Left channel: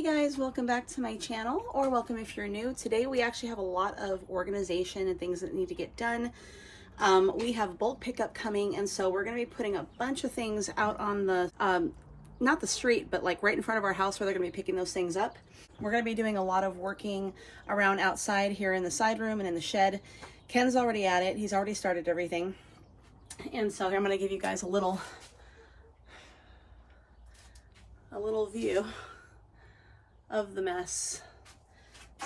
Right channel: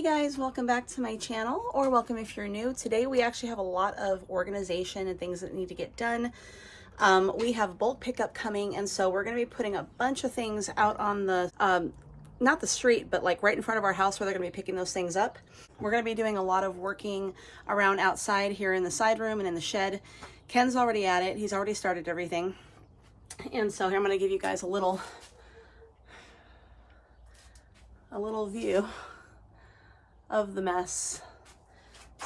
Hey guys, welcome back to my channel, or welcome if you're new. Today we actually have a lot of organization and things that need to get done. We have bulk pickup coming, and so we're going to be putting a bunch of things out on the, not the street, but like right in front of our house where they're going to be picking those things up. We're going to be doing a lot of working around outside here in the side room and in the shed. Ken's already at it. He's already started everything. And so here I'm going to give you guys a little view of the mess.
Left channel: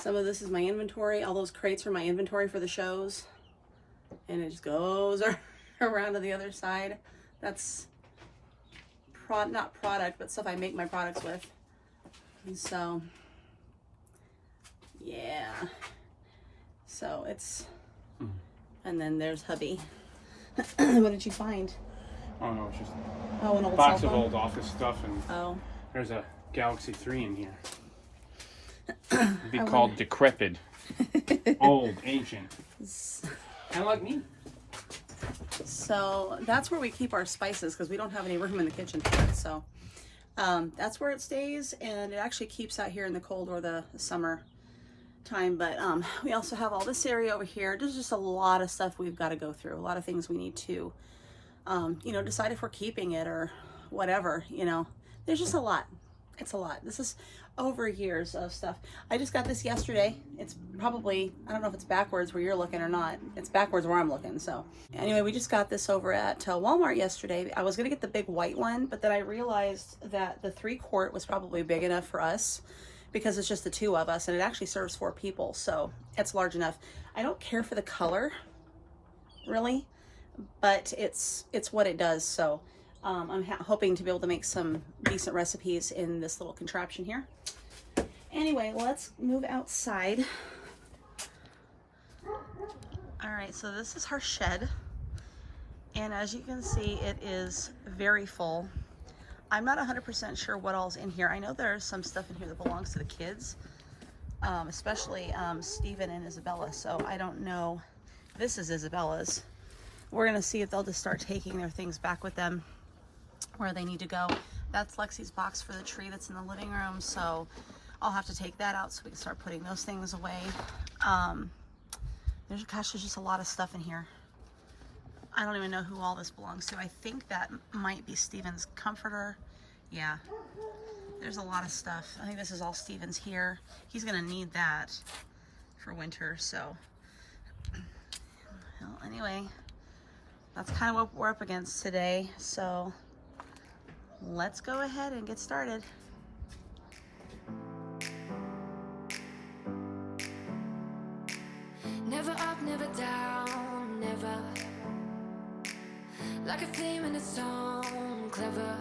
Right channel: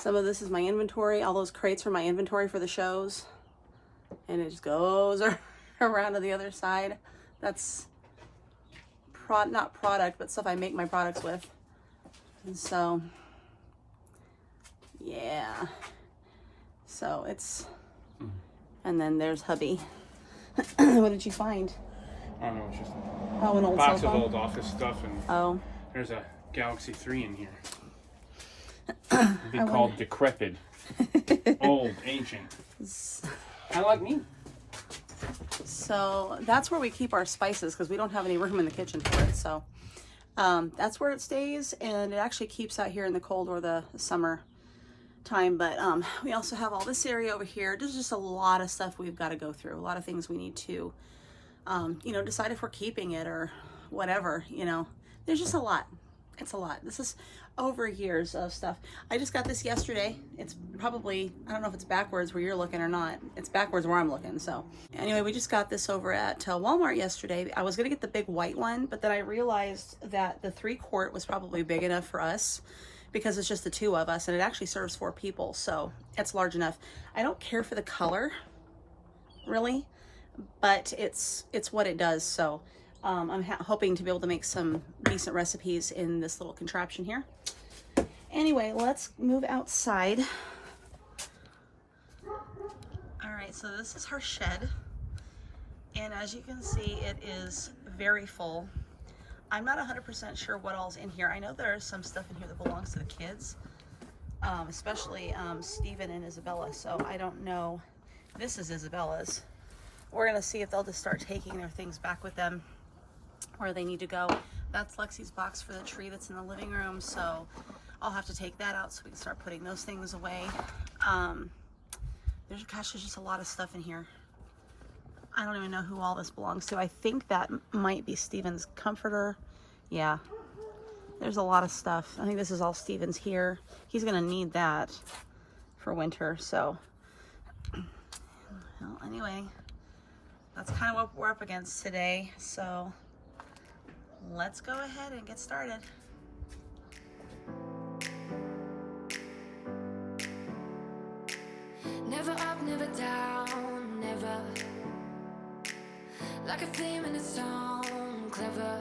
Some of this is my inventory. All those crates are my inventory for the shows. And it just goes around to the other side. That's not product, but stuff I make my products with. And so, yeah. So it's, and then there's hubby. What did you find? Oh no, it's just an old box of old office stuff, and there's a Galaxy 3 in here. It'd be called decrepit, old, ancient. Kind of like me. So that's where we keep our spices because we don't have any room in the kitchen for it. So that's where it stays, and it actually keeps out here in the cold or the summer time. But we also have all this area over here. There's just a lot of stuff we've got to go through. A lot of things we need to, decide if we're keeping it or whatever. There's just a lot. It's a lot. This is over years of stuff. I just got this yesterday. It's probably, I don't know if it's backwards where you're looking or not. It's backwards where I'm looking. So anyway, we just got this over at Walmart yesterday. I was going to get the big white one, but then I realized that the 3-quart was probably big enough for us because it's just the 2 of us, and it actually serves 4 people. So it's large enough. I don't care for the color really, but it's what it does. So I'm hoping to be able to make some decent recipes in this little contraption here. Anyway, let's move outside. All right, so this is our shed. And as you can see, it is very full. I'm not 100% sure what all's in here. I know there is some stuff in here that belongs to the kids, especially Steven and Isabella. So I don't know. This is Isabella's. We're gonna see if they'll just start taking their things back with them where they need to go. That's Lexi's box for the tree that's in the living room, so I'll have to take that out so we can start putting those things away. There's just a lot of stuff in here. I don't even know who all this belongs to. I think that might be Steven's comforter. Yeah, there's a lot of stuff. I think this is all Steven's here. He's gonna need that for winter, so well, anyway, that's kind of what we're up against today. So let's go ahead and get started. Never up, never down, never. Like a theme in a song, clever.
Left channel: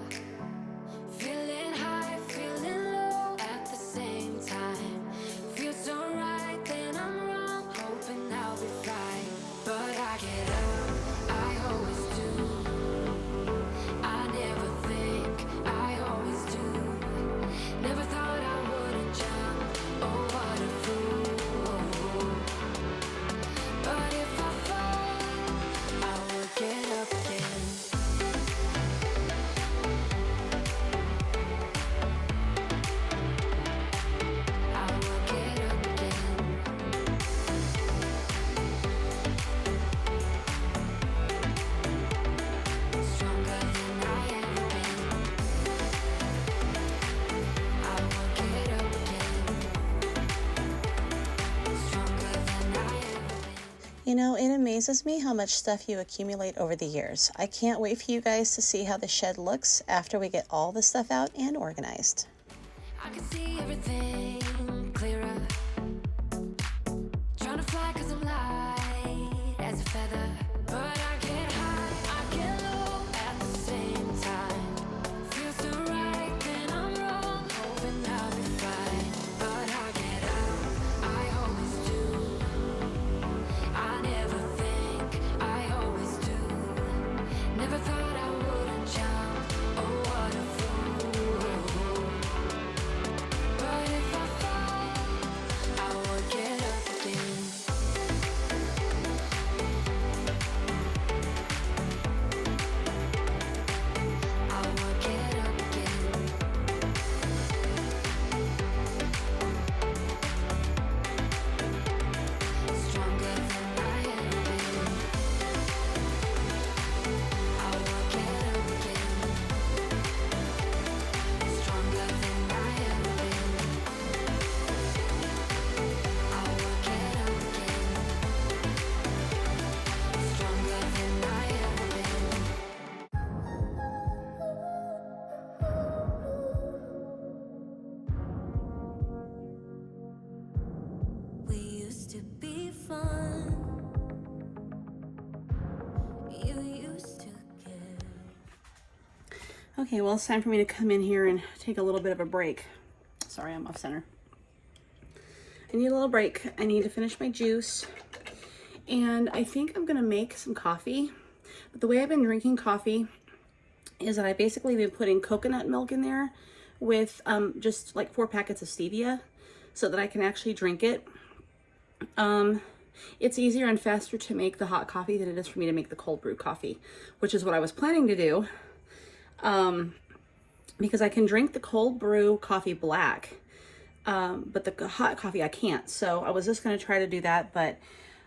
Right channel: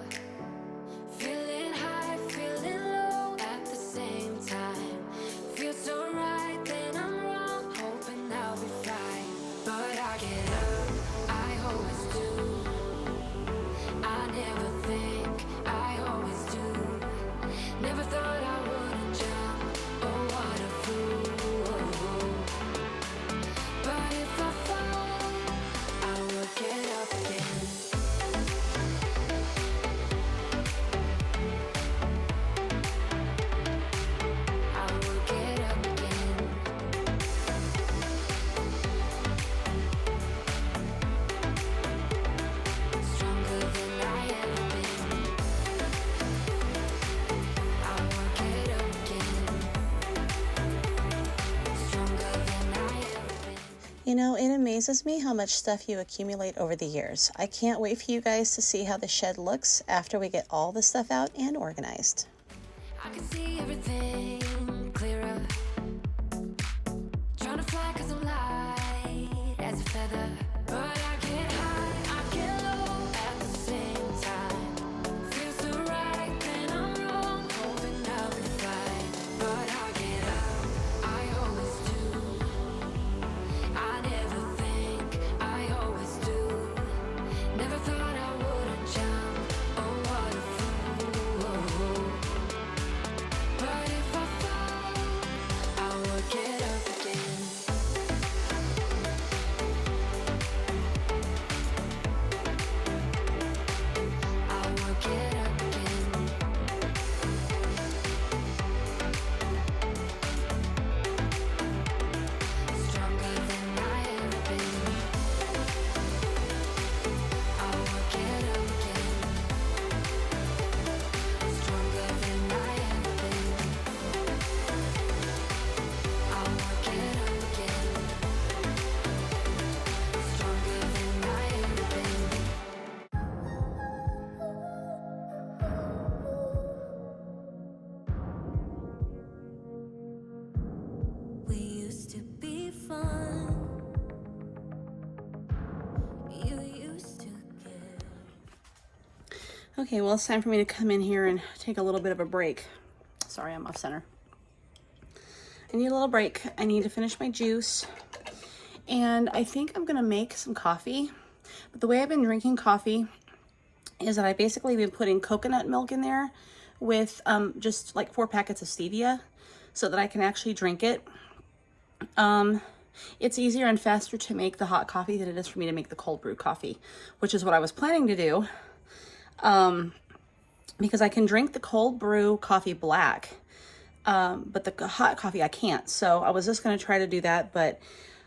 Feeling high, feeling low at the same time. Feels so right, then I'm wrong, hoping I'll be fine. But I get up, I always do. I never think, I always do. Never thought I wouldn't jump, oh what a fool. But if I fall, I would get up again. I would get up again. Stronger than I ever been. I would get up again. Stronger than I ever been. It amazes me how much stuff you accumulate over the years. I can't wait for you guys to see how the shed looks after we get all the stuff out and organized. I can see everything clearer. Trying to fly 'cause I'm light as a feather. But I get high, I get low at the same time. Feels so right, then I'm wrong, hoping I'll be fine. But I get up, I always do. I never think, I always do. Never thought I wouldn't jump, oh what a fool. But if I fall, I would get up again. used to be fun. You used to give. Okay, well, it's time for me to come in here and take a little bit of a break. Sorry, I'm off center. I need a little break. I need to finish my juice. And I think I'm gonna make some coffee. But the way I've been drinking coffee is that I basically been putting coconut milk in there with just like 4 packets of stevia so that I can actually drink it. It's easier and faster to make the hot coffee than it is for me to make the cold brew coffee, which is what I was planning to do. Because I can drink the cold brew coffee black, but the hot coffee I can't. So I was just going to try to do that, but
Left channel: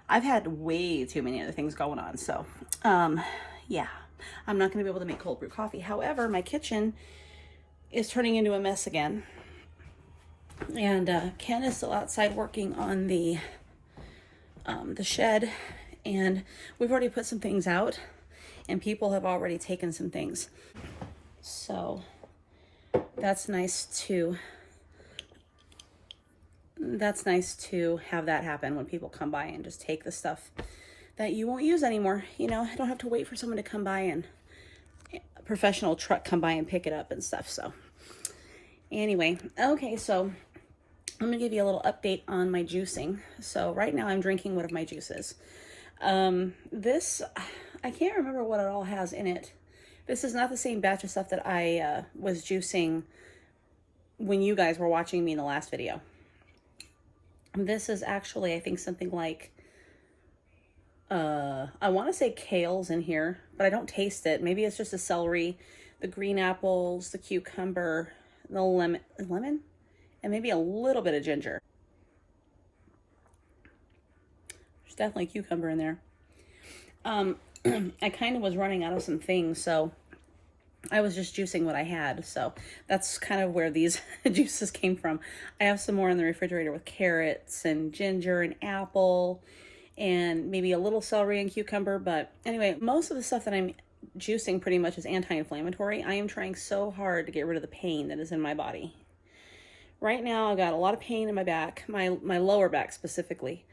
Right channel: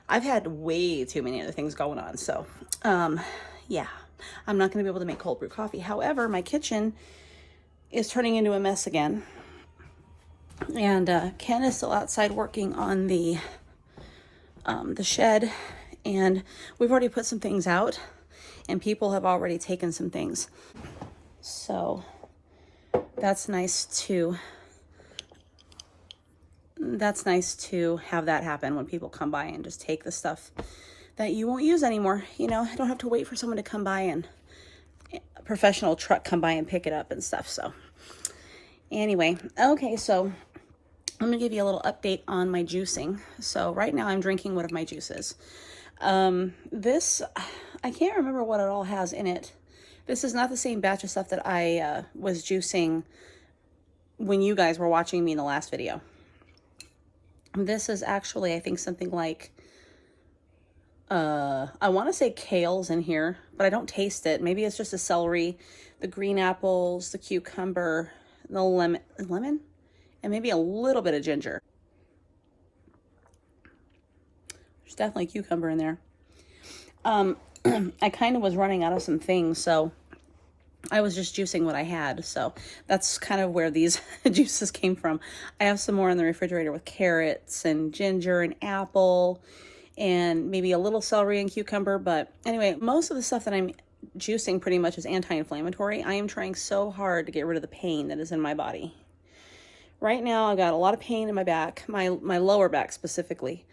I've had way too many other things going on. So, yeah, I'm not going to be able to make cold brew coffee. However, my kitchen is turning into a mess again. And Ken is still outside working on the shed, and we've already put some things out, and people have already taken some things. So that's nice to have that happen when people come by and just take the stuff that you won't use anymore. You know, I don't have to wait for someone to come by and a professional truck come by and pick it up and stuff. So anyway, okay, so I'm gonna give you a little update on my juicing. So right now I'm drinking one of my juices. This, I can't remember what it all has in it. This is not the same batch of stuff that I was juicing when you guys were watching me in the last video. This is actually, I think, something like, I want to say kale's in here, but I don't taste it. Maybe it's just the celery, the green apples, the cucumber, the lemon, and maybe a little bit of ginger. There's definitely cucumber in there. I kind of was running out of some things, so I was just juicing what I had. So that's kind of where these juices came from. I have some more in the refrigerator with carrots and ginger and apple and maybe a little celery and cucumber. But anyway, most of the stuff that I'm juicing pretty much is anti-inflammatory. I am trying so hard to get rid of the pain that is in my body. Right now, I've got a lot of pain in my back, my lower back specifically.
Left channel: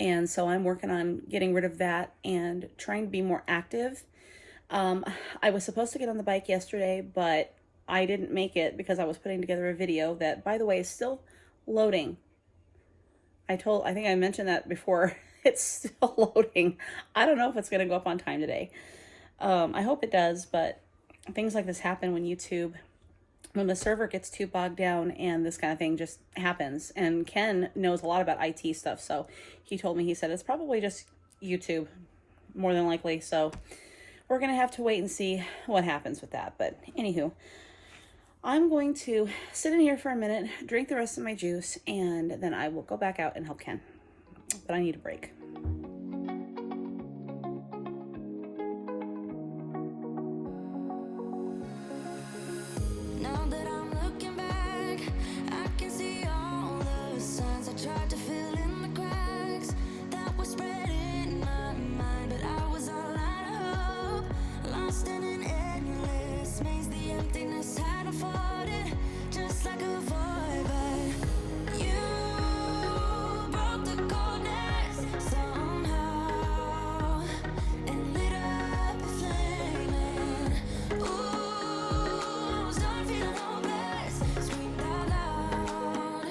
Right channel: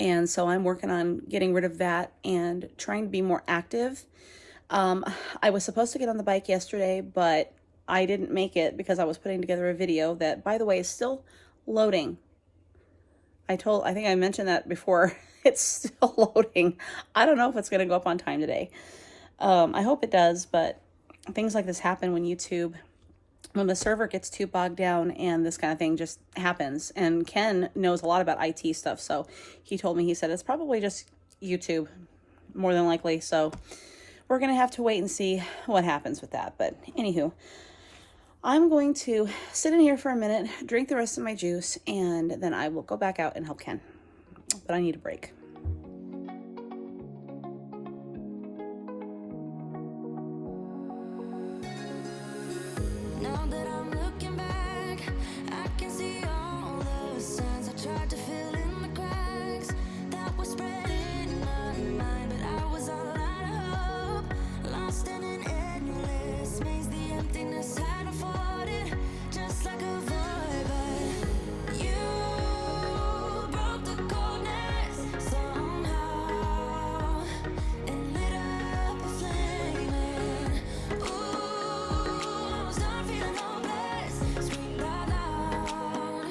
And so I'm working on getting rid of that and trying to be more active. I was supposed to get on the bike yesterday, but I didn't make it because I was putting together a video that, by the way, is still loading. I think I mentioned that before. It's still loading. I don't know if it's going to go up on time today. I hope it does, but things like this happen when the server gets too bogged down, and this kind of thing just happens. And Ken knows a lot about IT stuff, so he told me, he said, it's probably just YouTube, more than likely. So we're going to have to wait and see what happens with that. But anywho, I'm going to sit in here for a minute, drink the rest of my juice, and then I will go back out and help Ken. But I need a break. Now that I'm looking back, I can see all the signs I tried to fill in the cracks that were spread in my mind, but I was all out of hope, lost in an endless maze. The emptiness had unfolded just like a void, but you broke the coldness somehow and lit up a flame. And ooh, I was done feeling hopeless, screamed out loud.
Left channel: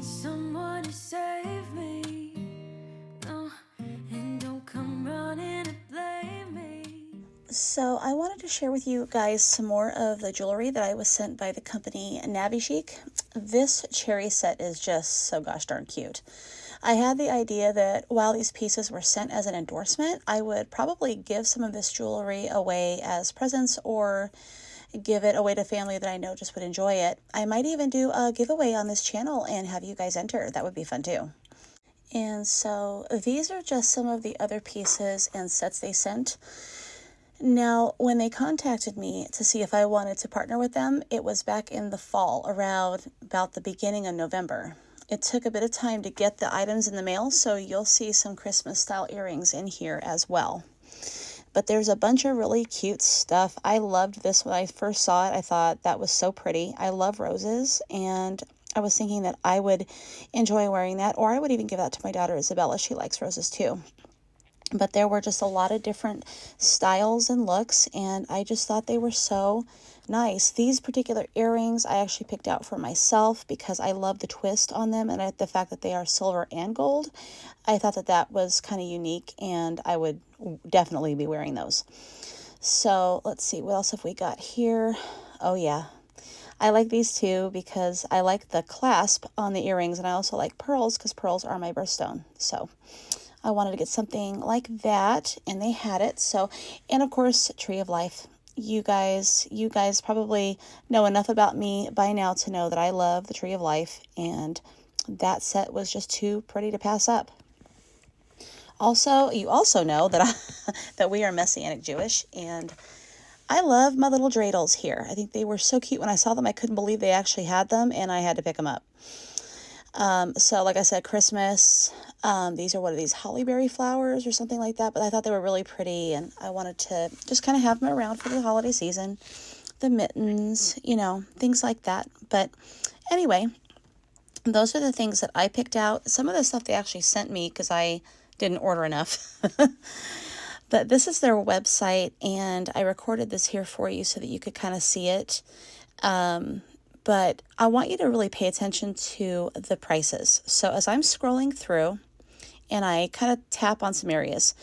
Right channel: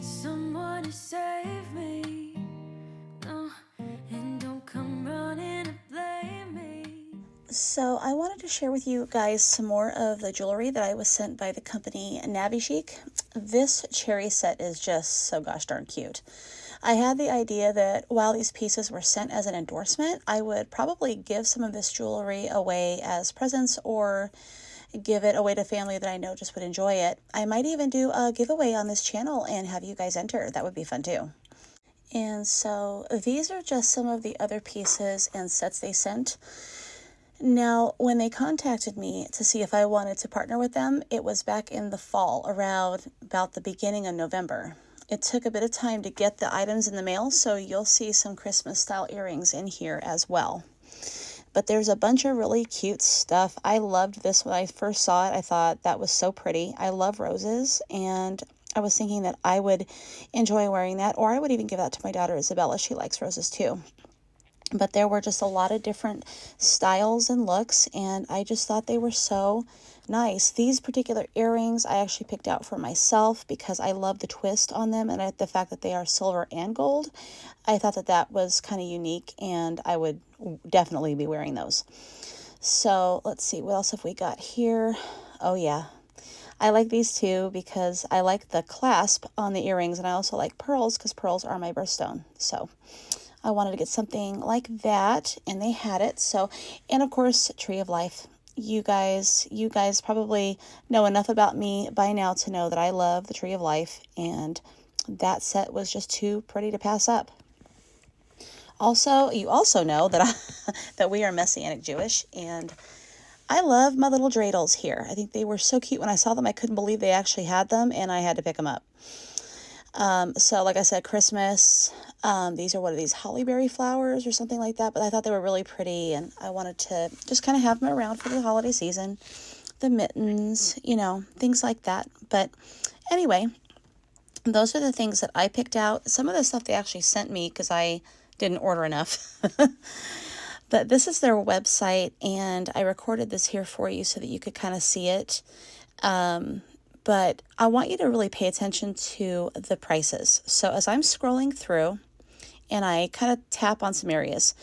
need someone to save me. No, and don't come running to blame me. So I wanted to share with you guys some more of the jewelry that I was sent by the company NaviChic. This cherry set is just so gosh darn cute. I had the idea that while these pieces were sent as an endorsement, I would probably give some of this jewelry away as presents or give it away to family that I know just would enjoy it. I might even do a giveaway on this channel and have you guys enter. That would be fun too. And so these are just some of the other pieces and sets they sent. Now, when they contacted me to see if I wanted to partner with them, it was back in the fall, around about the beginning of November. It took a bit of time to get the items in the mail, so you'll see some Christmas style earrings in here as well. But there's a bunch of really cute stuff. I loved this when I first saw it. I thought that was so pretty. I love roses, and I was thinking that I would enjoy wearing that, or I would even give that to my daughter Isabella. She likes roses too. But there were just a lot of different styles and looks, and I just thought they were so nice. These particular earrings I actually picked out for myself because I love the twist on them, and the fact that they are silver and gold. I thought that that was kind of unique, and I would definitely be wearing those. So let's see, what else have we got here? Oh yeah, I like these too because I like the clasp on the earrings, and I also like pearls because pearls are my birthstone. So I wanted to get something like that, and they had it. So, and of course, Tree of Life. You guys probably know enough about me by now to know that I love the Tree of Life, and that set was just too pretty to pass up. Also, you also know that that we are Messianic Jewish, and I love my little dreidels here. I think they were so cute. When I saw them, I couldn't believe they actually had them, and I had to pick them up. So like I said, Christmas, these are, what are these, hollyberry flowers or something like that, but I thought they were really pretty, and I wanted to just kind of have them around for the holiday season. The mittens, you know, things like that. But anyway, those are the things that I picked out. Some of the stuff they actually sent me because I didn't order enough. But this is their website, and I recorded this here for you so that you could kind of see it. But I want you to really pay attention to the prices. So as I'm scrolling through and I kind of tap on some areas,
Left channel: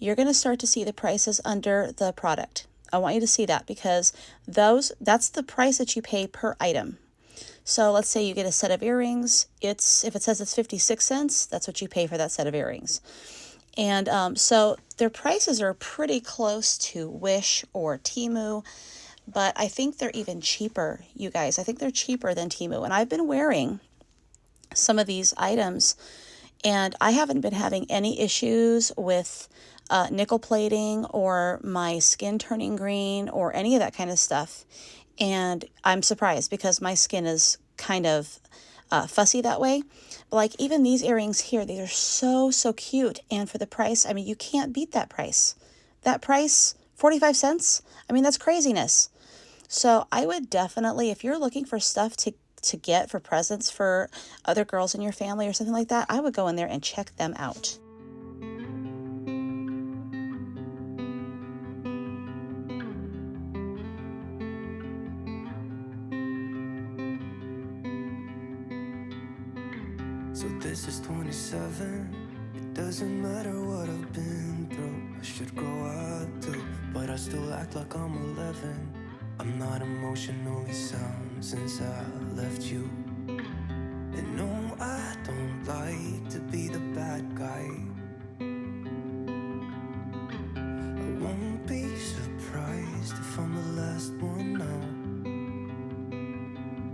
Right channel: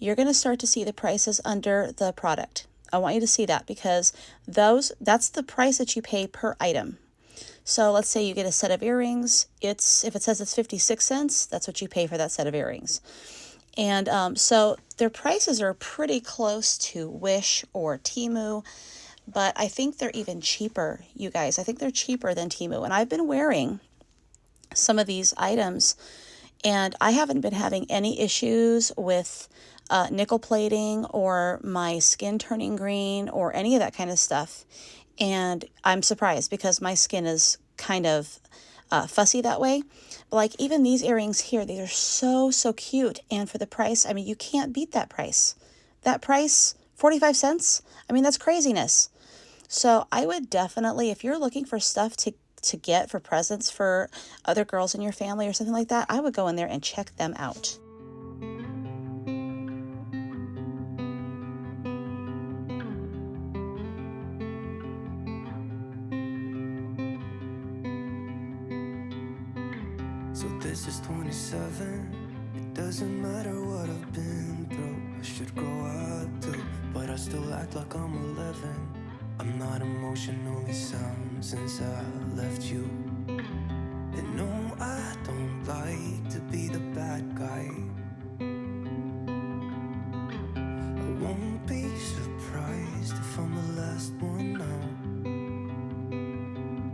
you're going to start to see the prices under the product. I want you to see that because that's the price that you pay per item. So let's say you get a set of earrings. If it says it's 56 cents, that's what you pay for that set of earrings. And so their prices are pretty close to Wish or Temu. But I think they're even cheaper, you guys. I think they're cheaper than Temu. And I've been wearing some of these items, and I haven't been having any issues with nickel plating or my skin turning green or any of that kind of stuff. And I'm surprised because my skin is kind of fussy that way. But like even these earrings here, these are so cute. And for the price, I mean, you can't beat that price. That price, 45 cents? I mean, that's craziness. So I would definitely, if you're looking for stuff to get for presents for other girls in your family or something like that, I would go in there and check them out. So this is 27. It doesn't matter what I've been through. I should grow up too, but I still act like I'm 11. I'm not emotionally sound since I left you. And no, I don't like to be the bad guy. I won't be surprised if I'm the last one now.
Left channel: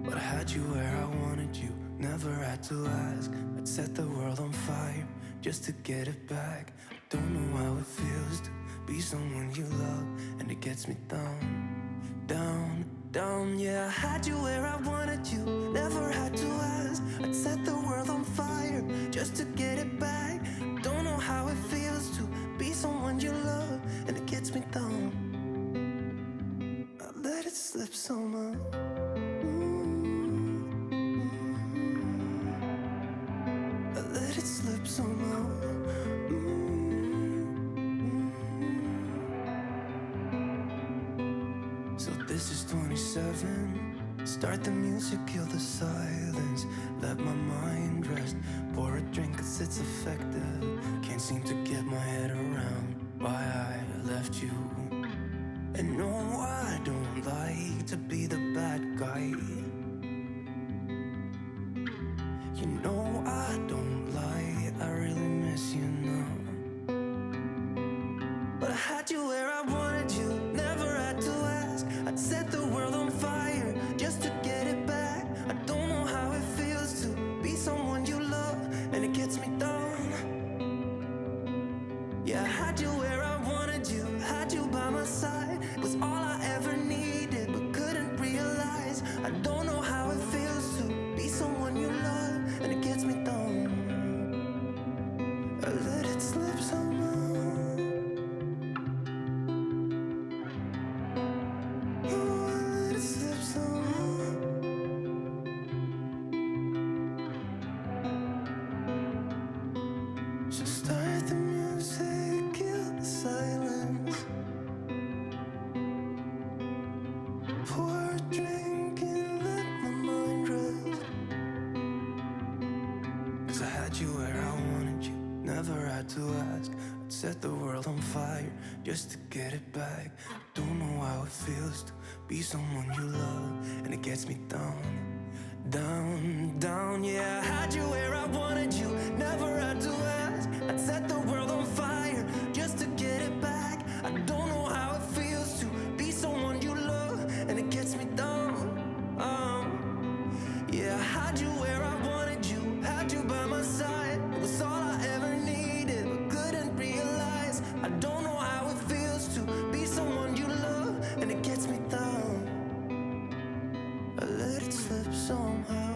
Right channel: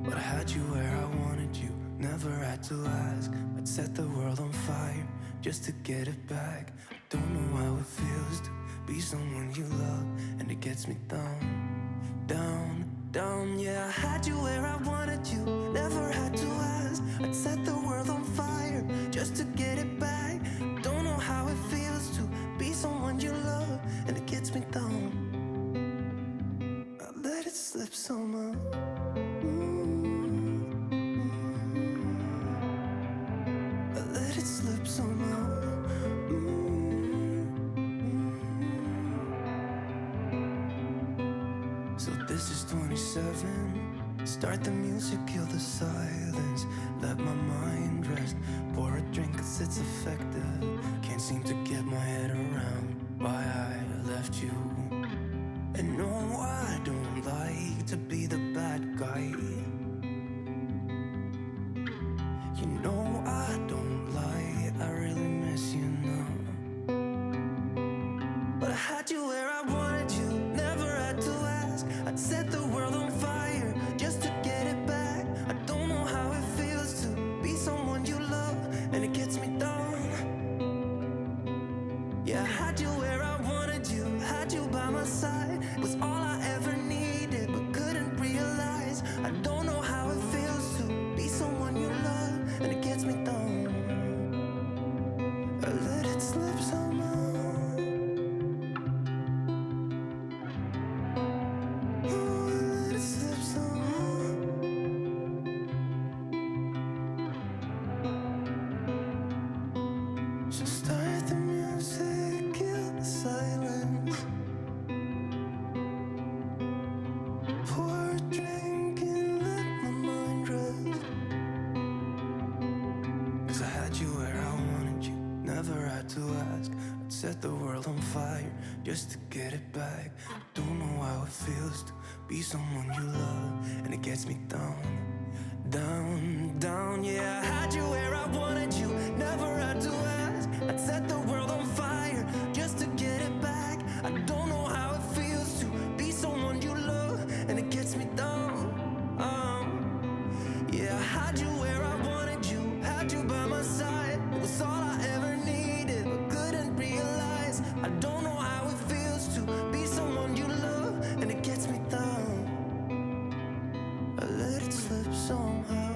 But I had you where I wanted you, never had to ask. I'd set the world on fire just to get it back. I don't know how it feels to be someone you love, and it gets me down. Down, yeah, I had you where I wanted you, never had to ask. I'd set the world on fire just to get it back. Don't know how it feels to be someone you love, and it gets me down. I let it slip somehow. I let it slip somehow. So this is 27. Start the music, kill the silence, let my mind rest. Pour a drink cause it's effective. Can't seem to get my head around why I left you. And no, I don't like to be the bad guy. You know I don't lie, I really miss you now. But I had you where I wanted you, never had to ask. I'd set the world on fire just to get it back. I don't know how it feels to be someone you love, and it gets me down. Yeah, I had you where I wanted you, had you by my side. It was all I ever needed, but couldn't realize. I don't know how it feels to be someone you love, and it gets me down. I let it slip somehow. Oh, I let it slip somehow. So start the music, kill the silence. Pour a drink and let my mind rest. Cause I had you where I wanted you, never had to ask. I'd set the world on fire just to get it back. Don't know how it feels to be someone you love, and it gets me down. Down, down, yeah, I had you where I wanted you, never had to ask. I'd set the world on fire just to get it back. I don't know how it feels to be someone you love, and it gets me down. Yeah, I had you where I wanted you, had you by my side. It was all I ever needed, but couldn't realize. I don't know how it feels to be someone you love, and it gets me down. I let it slip somehow.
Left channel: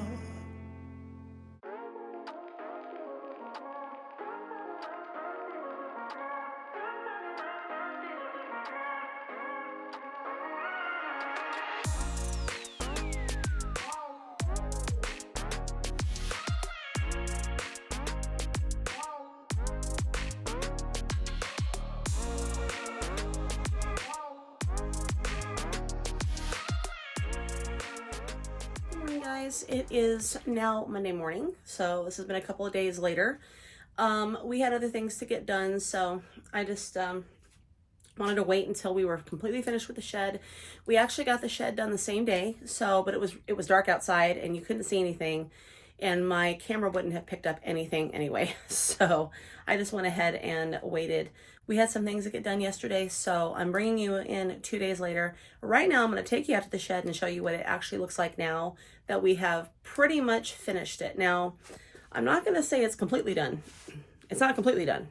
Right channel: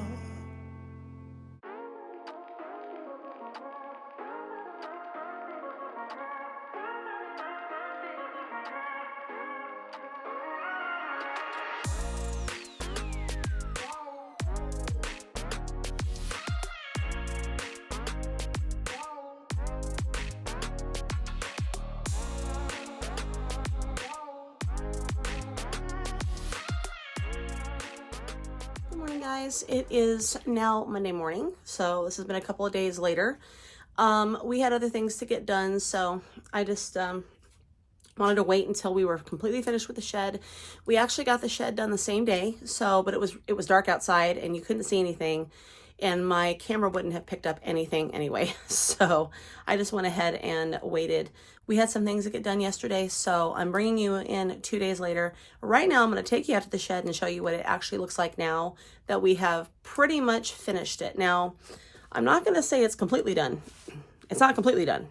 Good morning, guys. It is now Monday morning, so this has been a couple of days later. We had other things to get done, so I just wanted to wait until we were completely finished with the shed. We actually got the shed done the same day, but it was dark outside and you couldn't see anything, and my camera wouldn't have picked up anything anyway. So I just went ahead and waited. We had some things to get done yesterday, so I'm bringing you in 2 days later. Right now, I'm going to take you out to the shed and show you what it actually looks like now that we have pretty much finished it. Now, I'm not going to say it's completely done. It's not completely done,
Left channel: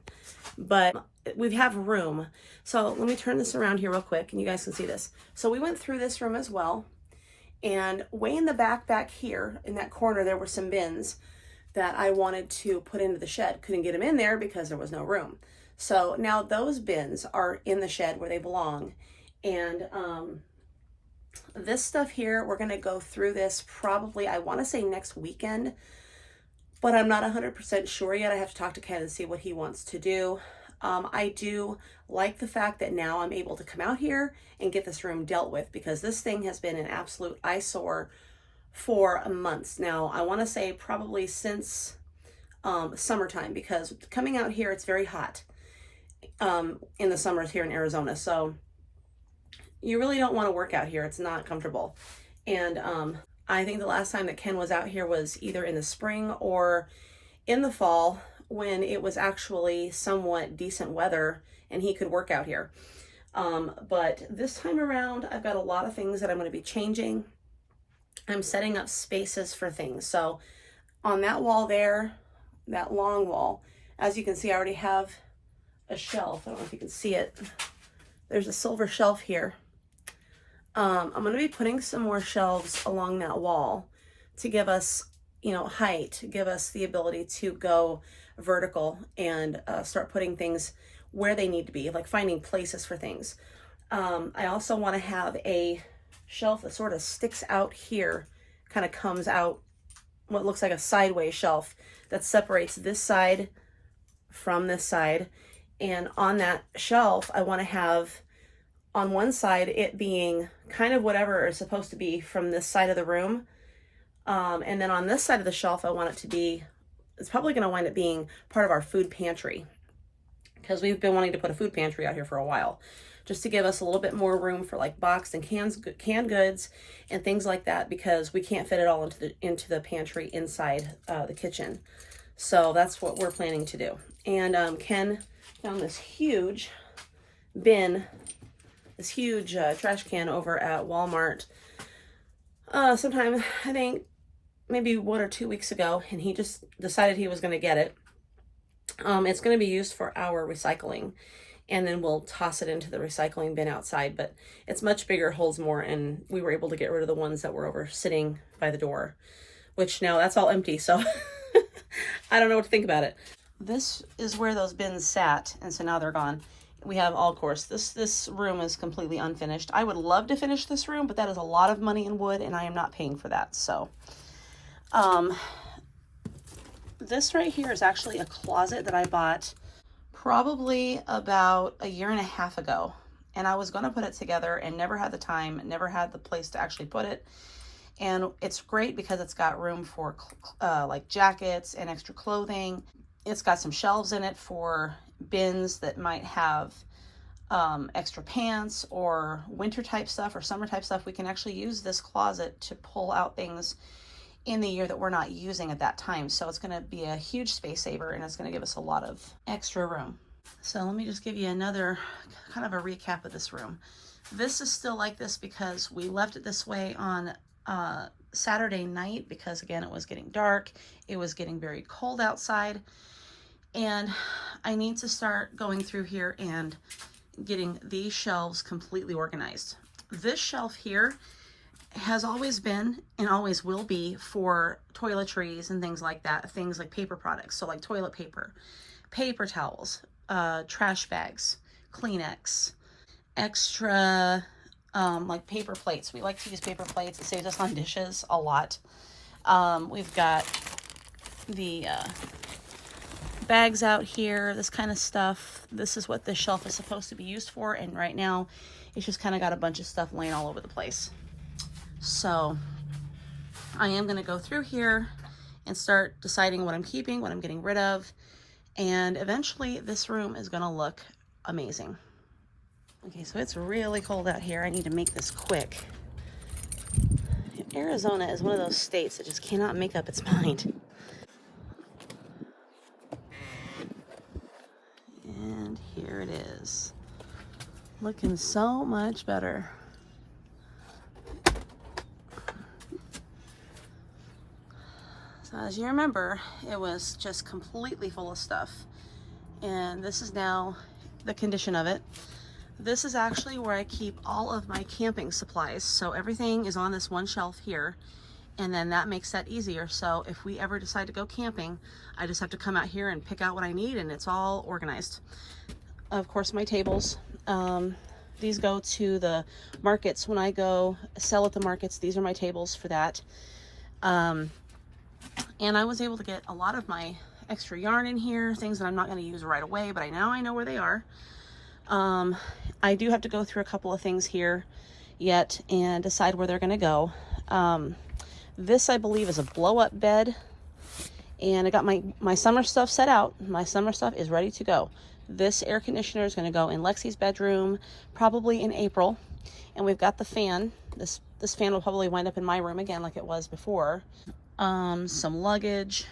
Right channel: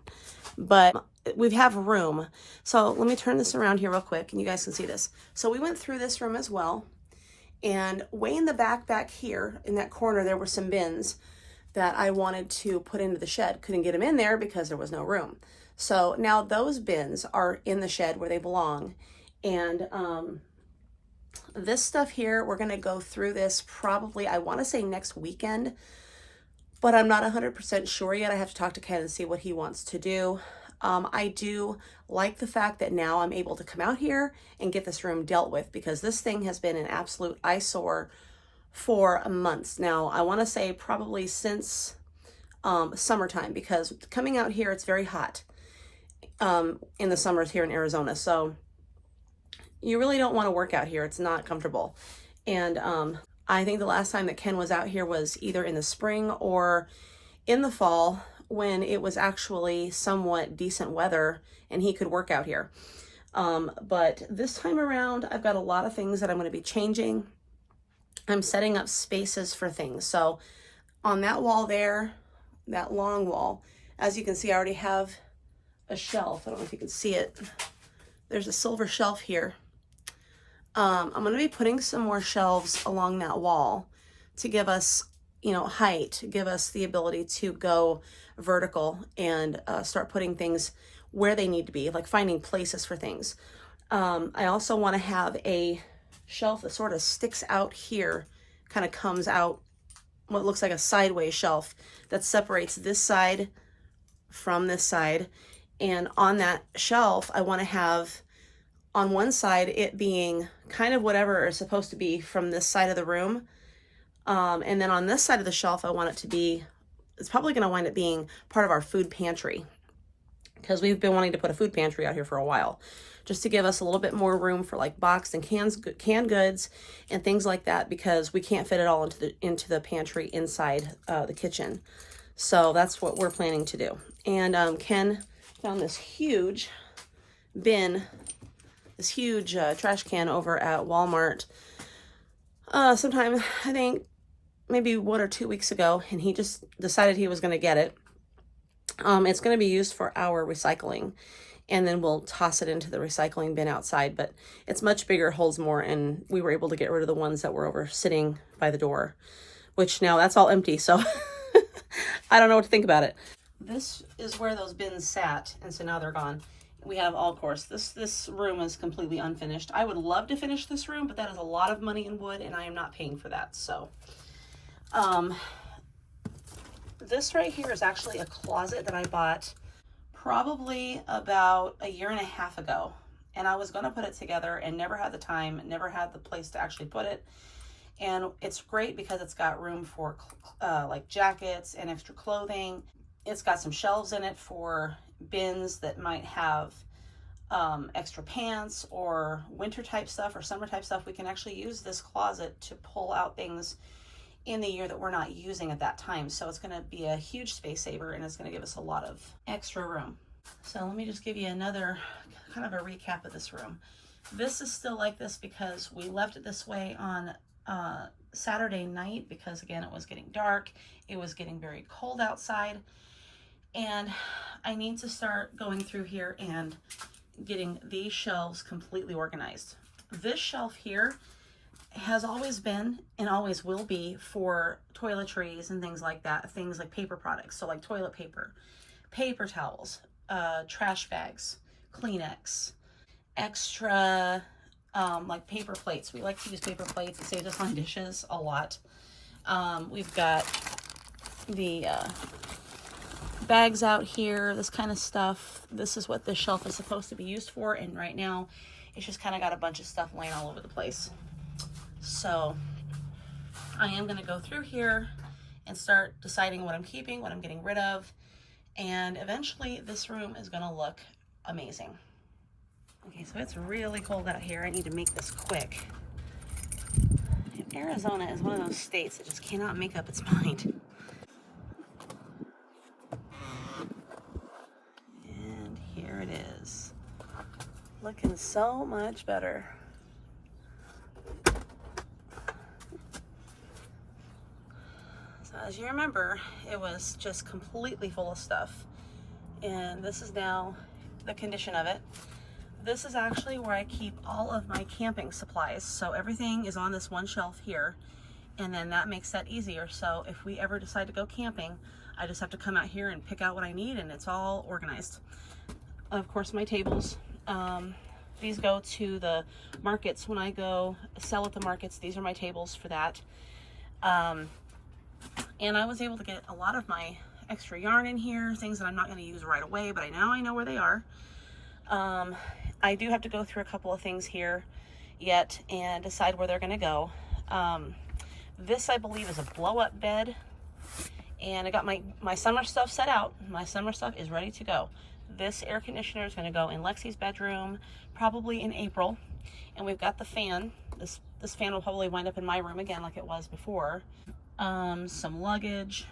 but we have room. So let me turn this around here real quick and you guys can see this. So we went through this room as well, and way in the back here in that corner, there were some bins that I wanted to put into the shed. Couldn't get them in there because there was no room. So now those bins are in the shed where they belong. And this stuff here, we're gonna go through this probably, I wanna say next weekend, but I'm not 100% sure yet. I have to talk to Ken and see what he wants to do. I do like the fact that now I'm able to come out here and get this room dealt with, because this thing has been an absolute eyesore for months now. I wanna say probably since summertime, because coming out here, it's very hot in the summers here in Arizona. So you really don't want to work out here. It's not comfortable. And I think the last time that Ken was out here was either in the spring or in the fall, when it was actually somewhat decent weather and he could work out here. But this time around, I've got a lot of things that I'm going to be changing. I'm setting up spaces for things. So on that wall there, that long wall, as you can see, I already have a shelf. I don't know if you can see it. There's a silver shelf here. I'm going to be putting some more shelves along that wall to give us, height, give us the ability to go vertical and start putting things where they need to be, like finding places for things. I also want to have a shelf that sort of sticks out here, kind of comes out, what looks like a sideways shelf that separates this side from this side. And on that shelf, I want to have on one side, it being kind of whatever it's supposed to be from this side of the room. And then on this side of the shelf, I want it to be, it's probably going to wind up being part of our food pantry, because we've been wanting to put a food pantry out here for a while, just to give us a little bit more room for like boxed and canned goods and things like that, because we can't fit it all into the pantry inside the kitchen. So that's what we're planning to do. And Ken found this huge bin, this huge trash can over at Walmart sometime, I think maybe 1 or 2 weeks ago, and he just decided he was going to get it. It's going to be used for our recycling, and then we'll toss it into the recycling bin outside, but it's much bigger, holds more, and we were able to get rid of the ones that were over sitting by the door, which now that's all empty, so I don't know what to think about it. This is where those bins sat, and so now they're gone. We have, all, of course, this room is completely unfinished. I would love to finish this room, but that is a lot of money in wood, and I am not paying for that, so. This right here is actually a closet that I bought probably about 1.5 years ago, and I was going to put it together and never had the time, never had the place to actually put it. And it's great because it's got room for like jackets and extra clothing. It's got some shelves in it for bins that might have extra pants or winter type stuff or summer type stuff. We can actually use this closet to pull out things in the year that we're not using at that time. So it's going to be a huge space saver, and it's going to give us a lot of extra room. So let me just give you another kind of a recap of this room. This is still like this because we left it this way on Saturday night, because again, it was getting dark. It was getting very cold outside, and I need to start going through here and getting these shelves completely organized. This shelf here has always been and always will be for toiletries and things like that, things like paper products, so like toilet paper, paper towels, trash bags, Kleenex, extra like paper plates. We like to use paper plates. It saves us on dishes a lot. We've got the bags out here, this kind of stuff. This is what this shelf is supposed to be used for, and right now it's just kind of got a bunch of stuff laying all over the place. So I am going to go through here and start deciding what I'm keeping, what I'm getting rid of, and eventually this room is going to look amazing. Okay, so it's really cold out here. I need to make this quick. Arizona is one of those states that just cannot make up its mind. And here it is. Looking so much better. So as you remember, it was just completely full of stuff. And this is now the condition of it. This is actually where I keep all of my camping supplies. So everything is on this one shelf here, and then that makes that easier. So if we ever decide to go camping, I just have to come out here and pick out what I need, and it's all organized. Of course, my tables. These go to the markets. When I go sell at the markets, these are my tables for that. And I was able to get a lot of my extra yarn in here, things that I'm not going to use right away, but now I know where they are. I do have to go through a couple of things here yet and decide where they're going to go. This, I believe, is a blow-up bed, and I got my summer stuff set out. My summer stuff is ready to go. This air conditioner is going to go in Lexi's bedroom probably in April, and we've got the fan. This fan will probably wind up in my room again like it was before. Some luggage.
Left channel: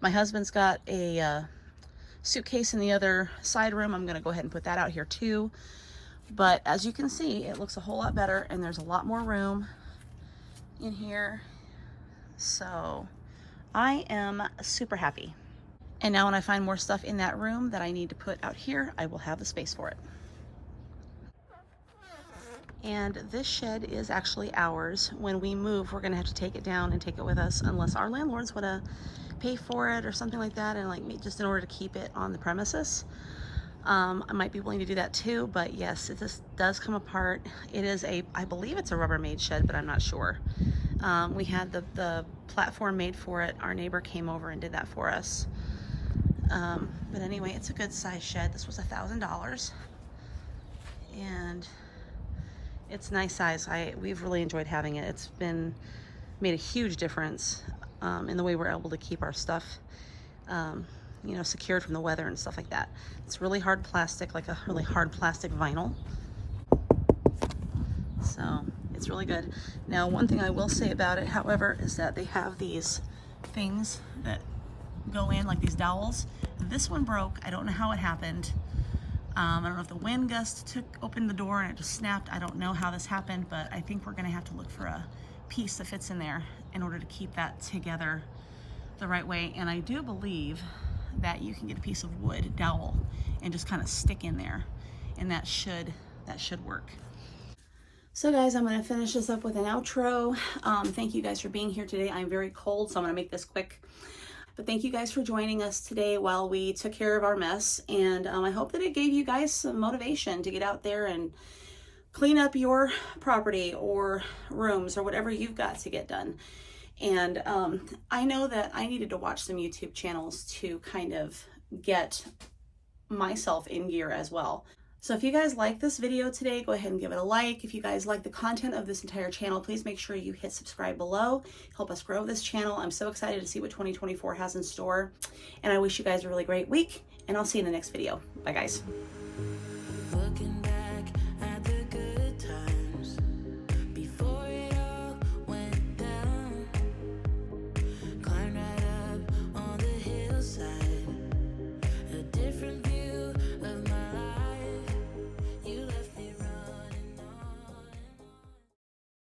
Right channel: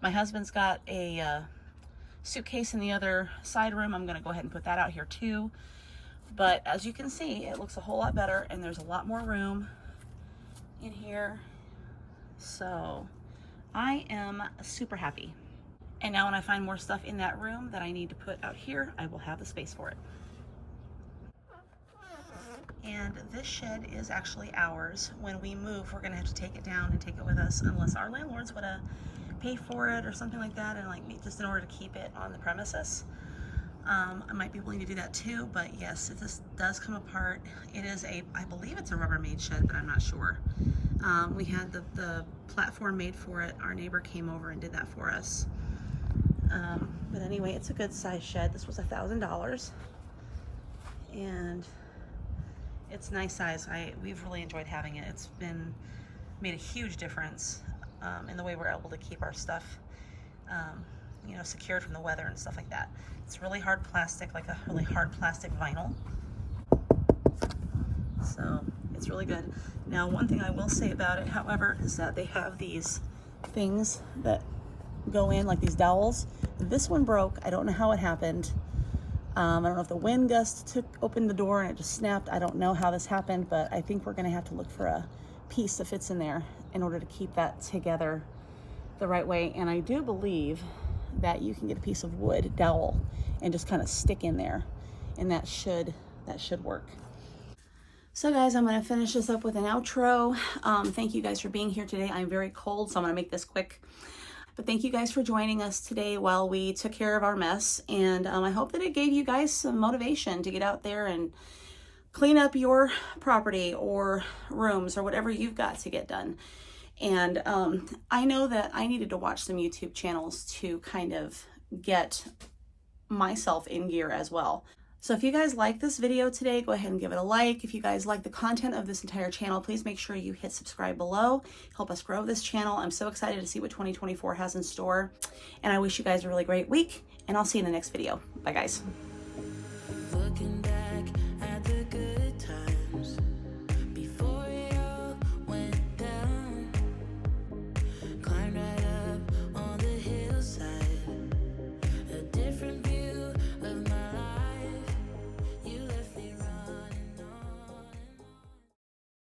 My husband's got a suitcase in the other side room. I'm going to go ahead and put that out here too. But as you can see, it looks a whole lot better, and there's a lot more room in here. So I am super happy. And now when I find more stuff in that room that I need to put out here, I will have the space for it. And this shed is actually ours. When we move, we're gonna have to take it down and take it with us, unless our landlord's wanna pay for it or something like that, and like just in order to keep it on the premises. I might be willing to do that too, but yes, it just does come apart. It is I believe it's a Rubbermaid shed, but I'm not sure. We had the platform made for it. Our neighbor came over and did that for us. But anyway, it's a good size shed. This was $1,000. And it's nice size. We've really enjoyed having it. It's made a huge difference in the way we're able to keep our stuff, you know, secured from the weather and stuff like that. It's really hard plastic, like a really hard plastic vinyl. So it's really good. Now, one thing I will say about it, however, is that they have these things that go in, like these dowels. This one broke. I don't know how it happened. I don't know if the wind gust opened the door and it just snapped. I don't know how this happened, but I think we're gonna have to look for a piece that fits in there in order to keep that together the right way. And I do believe that you can get a piece of wood dowel and just kind of stick in there, and that should work. So guys, I'm gonna finish this up with an outro. Thank you guys for being here today. I'm very cold, so I'm gonna make this quick. But thank you guys for joining us today while we took care of our mess. And I hope that it gave you guys some motivation to get out there and clean up your property or rooms or whatever you've got to get done. And I know that I needed to watch some YouTube channels to kind of get myself in gear as well. So if you guys like this video today, go ahead and give it a like. If you guys like the content of this entire channel, please make sure you hit subscribe below. Help us grow this channel. I'm so excited to see what 2024 has in store. And I wish you guys a really great week, and I'll see you in the next video. Bye guys. Looking